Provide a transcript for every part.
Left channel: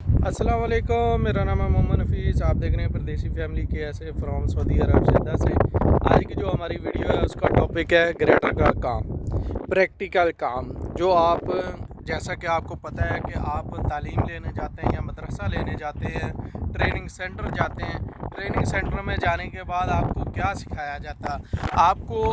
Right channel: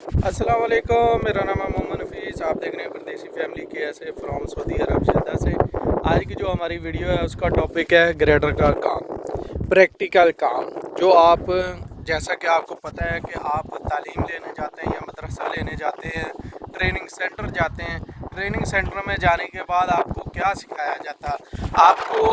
अस्सलाम वालेकुम, मेरा नाम है मोहम्मद नफीस। आप देख रहे हैं परदेसी फैमिली के ऐसे फ्रॉम सऊदी अरब जिद्दा से। आज की जो हमारी वीडियो है उसका टॉपिक है ग्रेडर का काम, प्रैक्टिकल काम। जो आप, जैसा कि आपको पता है कि आप तालीम लेने जाते हैं या मदरसा लेने जाते हैं, ट्रेनिंग सेंटर जाते हैं। ट्रेनिंग सेंटर में जाने के बाद आपको क्या सिखाया जाता है? आपको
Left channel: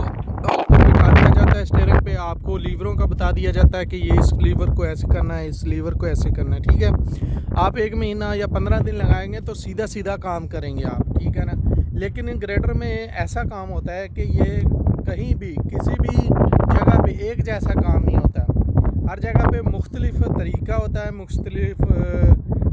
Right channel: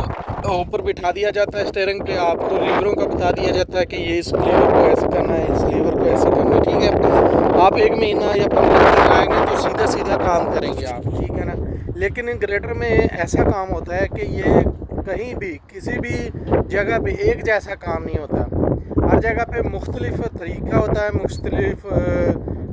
ऊपर बिठा दिया जाता है स्टीयरिंग पे, आपको लीवरों का बता दिया जाता है कि ये इस लीवर को ऐसे करना है, इस लीवर को ऐसे करना है, ठीक है। आप 1 महीना या 15 दिन आएंगे तो सीधा सीधा काम करेंगे आप, ठीक है ना। लेकिन इन ग्रेडर में ऐसा काम होता है कि ये कहीं भी किसी भी जगह पे एक जैसा काम नहीं होता। हर जगह पे मुख्तलिफ तरीका होता है, मुख्तलिफ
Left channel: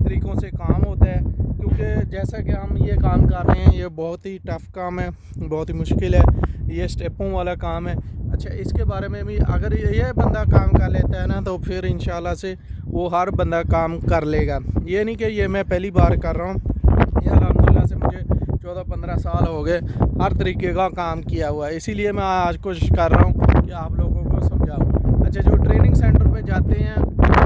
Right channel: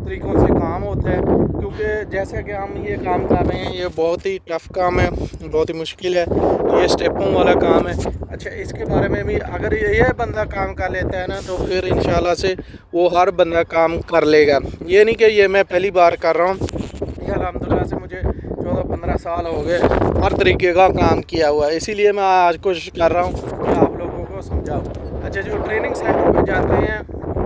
तरीक़ों से काम होता है। क्योंकि जैसा कि हम ये काम कर रहे हैं, ये बहुत ही टफ़ काम है, बहुत ही मुश्किल है, ये स्टेपों वाला काम है। अच्छा, इसके बारे में भी अगर ये बंदा काम कर लेता है ना तो फिर इंशाल्लाह से वो हर बंदा काम कर लेगा। ये नहीं कि ये मैं पहली बार कर रहा हूँ, ये अल्हम्दुलिल्लाह से मुझे 14-15 साल हो गए हर तरीके का काम किया हुआ है। इसीलिए मैं आज कोशिश कर रहा हूँ कि आप लोगों को समझाऊँ। अच्छा, जो ट्रेनिंग सेंटर पे जाते हैं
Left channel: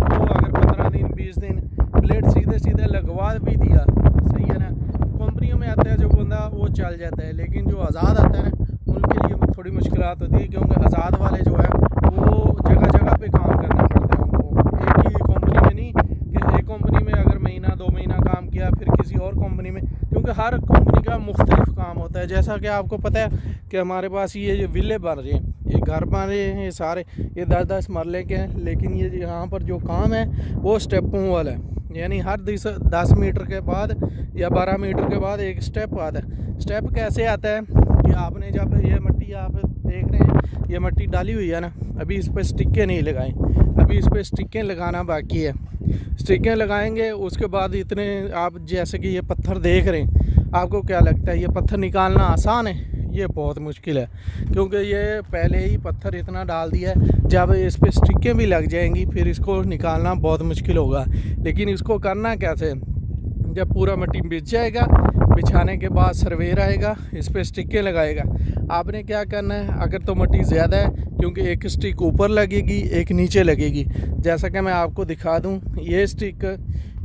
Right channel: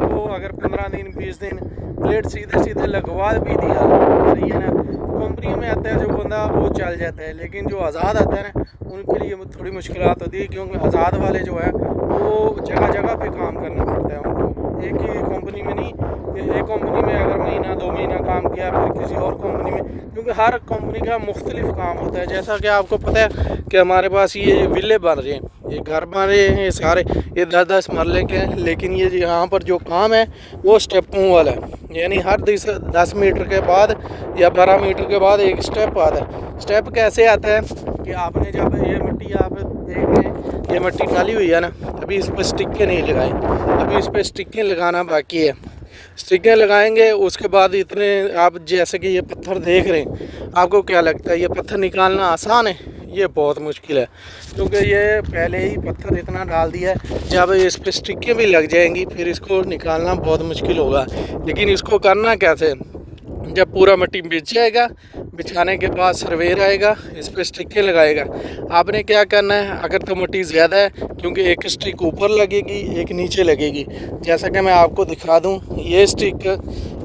वो अगर 15 दिन 20 दिन ब्लेड सीधे सीधे लगवा भी दिया, सही है ना, कंपनियों में आता है जो बंदा वो चल जाता है। लेकिन जो आज़ाद आता है ना उनके लिए थोड़ी मुश्किलात होती है, क्योंकि आज़ाद वाले जो है वो जगह जगह पे काम करना पड़ता है उनको, एक ही कंपनी में नहीं कि एक कंपनी में अगर महीना 2 महीना काम किया फिर किसी और कंपनी में, क्योंकि हर कंपनी का मुख्तलिफ काम होता है। जैसा कि आपको पता है कि हमारे पास ये विले बन रहे हैं, ये घर बन रहे हैं, ये सारे ये 10-10 मरले के हैं। लेकिन ये यहाँ पर जो काम है वो स्टेपों वाला है, यानी हर 10 मीटर के बाद या 12 मीटर के बाद एक स्टेप आता है। स्टेप कैसे आता है कि आपने जब ये मिट्टी आप देख रहे हैं, ये मिट्टी डाली हुई है ना, अभी इस पर स्टिकें नहीं लगाई, अभी इस पर स्टिकें लगाना बाकी है। स्टिकें लगाएंगे उसके बाद इतने आप जैसे कि ये पत्थर देख रहे हैं, आपको क्या लगता है ये पत्थर निकालना आसान है? ये बहुत मुश्किल है, क्योंकि ये पहले ही पत्थर इतना डाल दिया है, जब इस पर स्टिकें भी लग जाएंगी फिर इसको निकालना बहुत मुश्किल होगा। लेकिन इसको करना कैसे? जब पूरा मिट्टी बिछ जाएगा, बिछाने के बाद सर्वेयर आएगा, इस पर स्टिकें लगाएगा। आपने क्या करना है, अगर तो मिट्टी ज़्यादा है, क्योंकि एक स्टिक ऊपर लगेगी एक नीचे लगेगी, जैसा कि मैं आपको दिखा दूं, ये स्टिक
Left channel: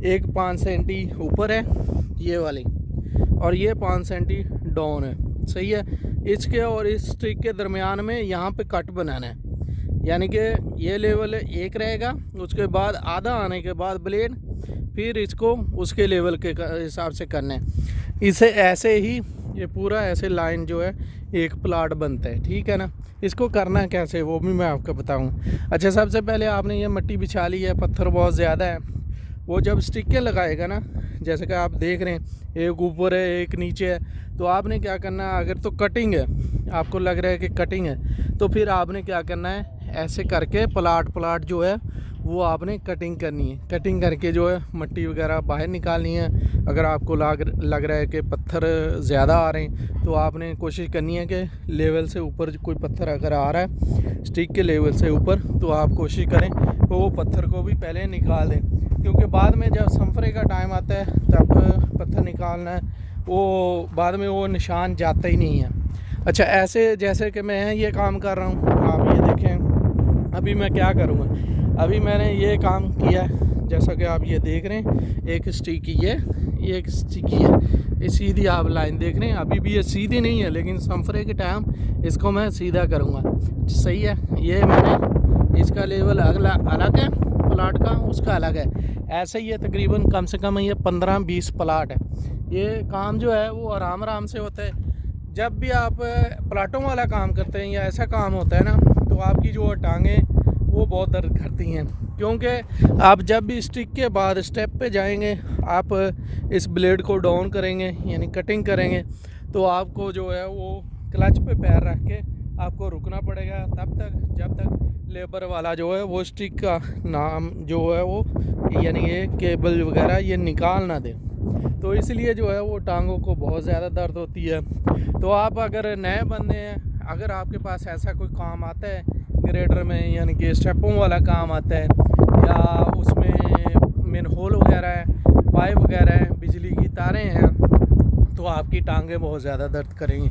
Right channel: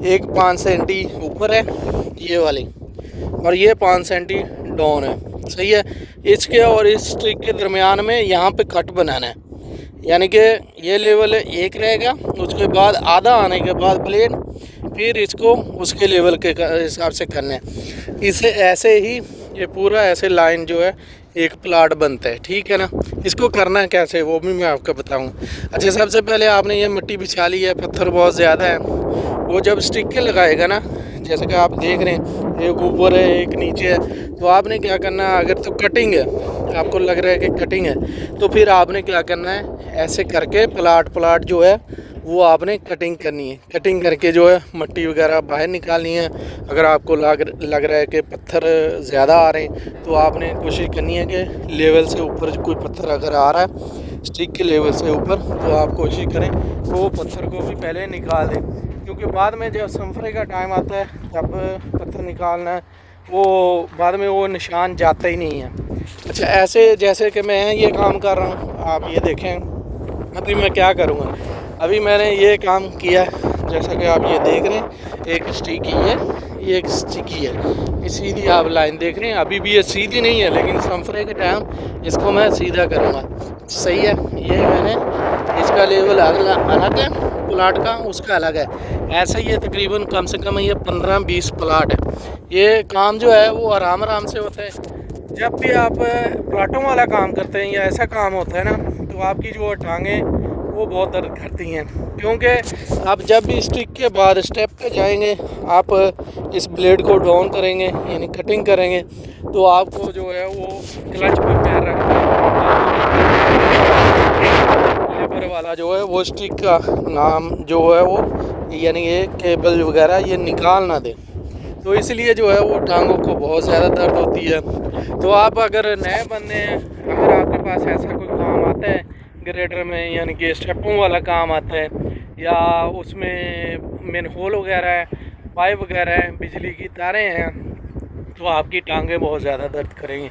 एक 5 सेंटी ऊपर है ये वाली, और ये 5 सेंटी डाउन है, सही है। इसके और इस स्टिक के दरमियान में यहाँ पे कट बनाना है, यानी कि ये लेवल एक रहेगा, उसके बाद आधा आने के बाद ब्लेड फिर इसको उसके लेवल के हिसाब से करना है। इसे ऐसे ही ये पूरा ऐसे लाइन जो है एक प्लाट बनता है, ठीक है ना। इसको करना कैसे वो भी मैं आपको बताऊंगा। अच्छा, सबसे पहले आपने ये मिट्टी बिछा ली है, पत्थर बहुत ज़्यादा है, वो जब स्टिकें लगाएगा ना, जैसे कि आप देख रहे हैं एक ऊपर है एक नीचे है, तो आपने क्या करना है, अगर तो कटिंग है, आपको लग रहा है कि कटिंग है, तो फिर आपने क्या करना है, ऐसे करके प्लाट जो है वो आपने कटिंग करनी है। कटिंग करके जो है मिट्टी वगैरह बाहर निकालनी है। अगर आपको लग रहा है कि पत्थर ज़्यादा आ रहे हैं तो आपने कोशिश करनी है कि लेवल से ऊपर कोई पत्थर अगर आ रहा है स्टिक के लेवल से ऊपर, तो आप कोशिश करें तो वो पत्थर को भी पहले निकाल दें, क्योंकि बाद में जब संफरे का टाइम आता है तब पत्थर निकालना है, वो बाद में वो निशान जाता ही नहीं है। अच्छा, ऐसे जैसे कि मैं ये काम कर रहा हूँ, आप ये देखें अभी मैं क्या करूँगा। अभी मैंने ये काम किया जैसा कि आप ये देख रहे हैं, एक स्टिक ये एक स्टिक है, ये सीधी आप लाइन देख रहे हैं। अभी भी ये सीधी नहीं है, लेकिन संफरे के टाइम इसको मैं सीधा करूँगा, सही है। ये मैंने इसका लेवल अलग है, प्लाट का उसका अलग है। ऐसा ही है, तकरीबन कम से कम ये 15-20 प्लाट है। ये काम जो है वो आराम आराम से होता है। जब भी आप प्लाटों वाला काम करते हैं या ऐसा काम होता है ना, तो आपकी जो टांगें वो बहुत दर्द करती हैं, क्योंकि आप जब भी स्टिक के बाद स्टेप पे जाएंगे, आप इस ब्लेड को डाउन करेंगे यानी कटिंग करेंगे, तो आपको जो है वो क्लच पे पैर रख के लेबर वाला जो है वो स्टिक का नाम जो है वो यानी ये केबल वगैरह ये निकाल ना दे, तो इसलिए जो है वो टांगों को बहुत ज़्यादा दर्द होती है। तो आप अगर नए बंदे हैं, अगर आपके पास ऐसा कोई काम आता है ग्रेडर में, यानी कि स्टेपों वाला काम आता है, या उसमें मेन होल वगैरह है, पाइप वगैरह है, बिजली की तारें हैं, तो आपकी टांगें बहुत ज़्यादा दर्द करेंगी।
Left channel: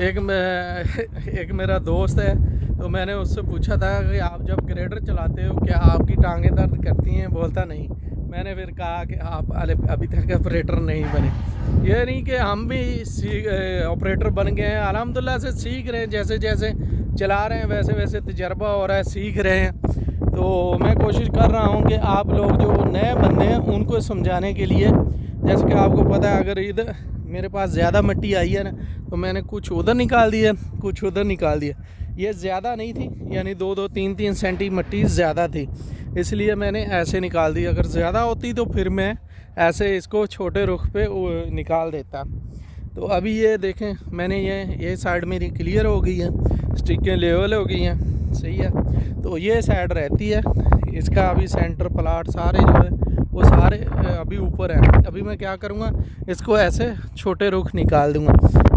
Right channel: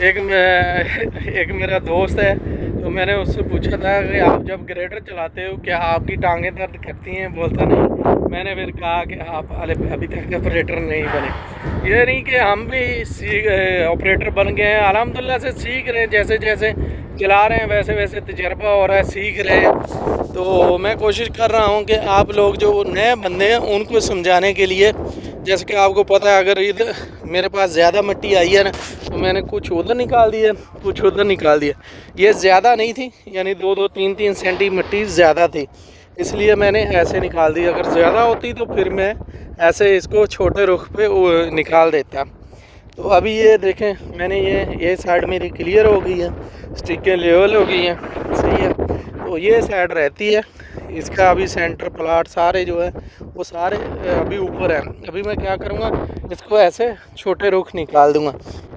एक मेरा दोस्त है تو میں نے اس سے پوچھا تھا کہ آپ جب گریڈر چلاتے ہو کیا آپ کی ٹانگیں درد کرتی ہیں؟ بولتا نہیں۔ میں نے پھر کہا کہ آپ ابھی تک آپریٹر نہیں بنے۔ یہ نہیں کہ ہم بھی آپریٹر بن گئے ہیں، الحمدللہ سے سیکھ رہے ہیں، جیسے جیسے چلا رہے ہیں ویسے ویسے تجربہ ہو رہا ہے، سیکھ رہے ہیں۔ تو میں کوشش کر رہا ہوں کہ آپ لوگ جو نئے بندے ہیں ان کو سمجھانے کے لیے، جیسے کہ آپ کو پتہ ہے اگر ادھر میرے پاس زیادہ مٹی آئی ہے نا تو میں نے کچھ ادھر نکال دیا، کچھ ادھر نکال دیا۔ یہ زیادہ نہیں تھی، یعنی 2-3 سینٹی مٹی زیادہ تھی، اس لیے میں نے ایسے نکال دی۔ اگر زیادہ ہوتی تو پھر میں ایسے اس کو چھوٹے رخ پہ نکال دیتا۔ تو ابھی یہ دیکھیں میں نے یہ سائڈ میری کلیئر ہو گئی ہے، سٹکیں لیول ہو گئی ہیں، صحیح ہے۔ تو یہ سائڈ رہتی ہے، اس کا ابھی سینٹر پلاٹ سارے جو ہے وہ سارے ابھی اوپر ہیں۔ ابھی میں کیا کروں گا، اس کو ایسے چھوٹے رخ نکال دوں گا،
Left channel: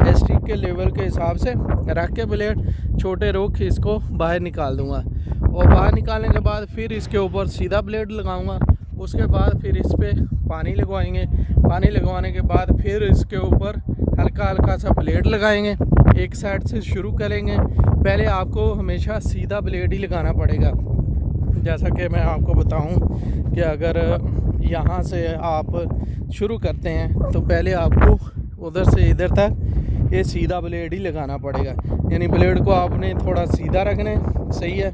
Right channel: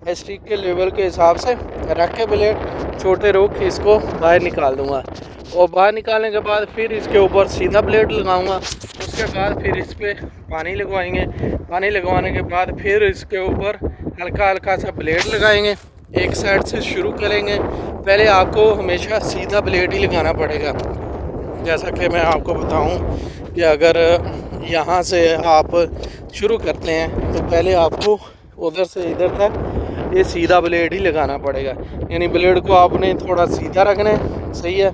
اسٹک کے لیول کے حساب سے رکھ کے بلیڈ چھوٹے رخ اس کو باہر نکال دوں گا، اور باہر نکالنے کے بعد پھر اس کے اوپر سیدھا بلیڈ لگاؤں گا۔ اس کے بعد پھر اس پہ پانی لگوائیں گے، پانی لگوانے کے بعد پھر اس کے اوپر ہلکا ہلکا سا بلیڈ لگائیں گے، ایک سائڈ سے شروع کریں گے۔ پہلے آپ کو ہمیشہ سیدھا بلیڈ ہی لگانا پڑے گا، جیسا کہ میں آپ کو بتاؤں کہ اگر یہاں سے آپ شروع کرتے ہیں تو پہلے آپ کو ادھر سے ادھر تک یہ سیدھا بلیڈ ہی لگانا پڑے گا، یعنی بلیڈ کو آپ نے تھوڑا سیدھا رکھنا ہے، صحیح ہے۔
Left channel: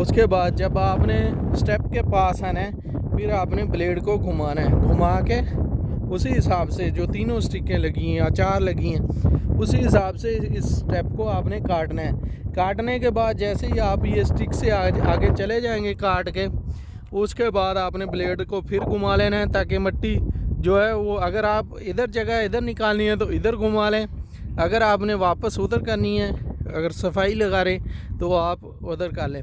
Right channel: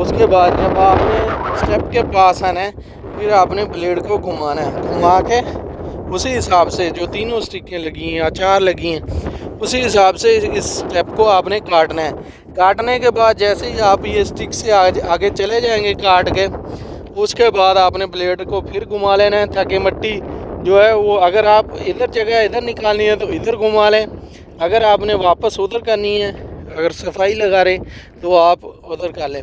اس کے بعد جب آپ نے سٹیپ کے پاس آنا ہے پھر آپ نے بلیڈ کو گھمانا ہے، گھما کے اسی حساب سے جو تینوں سٹکیں لگی ہیں یا 4 لگی ہیں اسی حساب سے اس سٹیپ کو آپ نے کاٹنا ہے۔ کاٹنے کے بعد جیسے ہی آپ یہ سٹک سے آگے چلے جائیں گے کاٹ کے، اس کے بعد آپ نے بلیڈ کو پھر گھما لینا ہے تاکہ مٹی جو ہے وہ، اگر آپ ادھر جگہ ادھر نکالنی ہے تو ادھر گھما لیں، اگر آپ نے واپس ادھر کرنی ہے، اگر صفائی لگا رہے تو آپ ادھر کر لیں۔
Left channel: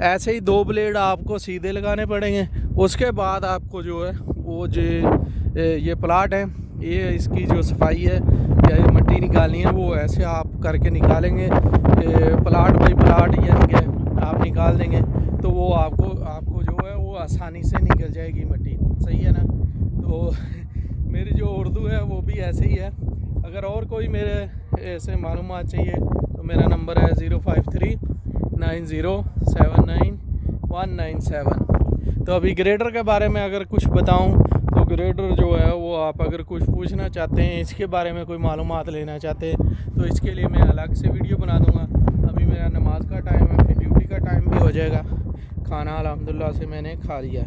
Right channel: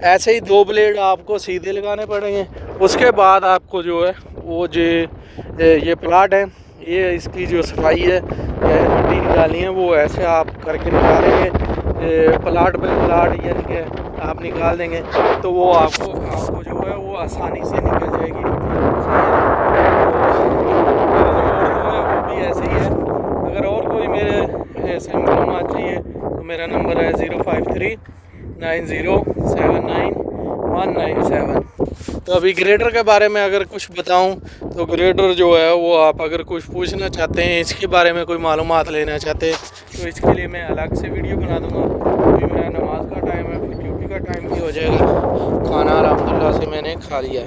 ایسے ہی 2 بلیڈ آپ کو سیدھے لگانے پڑیں گے۔ اس کے بعد آپ کو جو ہے وہ یہ پلاٹ ہے، یہ اس کی جو صفائی ہے یا مٹی نکالنی ہے وہ ایسے آپ کر کے نکالیں گے، پلاٹ بائی پلاٹ، یعنی کہ آپ نکال دیں گے تو وہ آپ کو جو ہے وہ آسانی سے نکل جائے گی وہ بھی ایسے ہی ہے۔ اگر اور کوئی میرے ایسے معلومات چاہیے تو میرا نمبر ہے 053-9079-197۔ تو ابھی گریڈر کے بارے میں اگر کچھ بتاؤں تو گریڈر جو ہے وہ آپ اگر کچھ پوچھنا چاہتے ہیں، اس کے بارے میں کوئی معلومات لینا چاہتے ہیں تو اس کے لیے میں الگ سے ویڈیو بنا دوں گا۔ ابھی میرا نماز کا ٹائم ہے، پھر ڈیوٹی کا ٹائم بھی ہو جائے گا۔ کھانا الحمدللہ سے میں نے کھا لیا ہے۔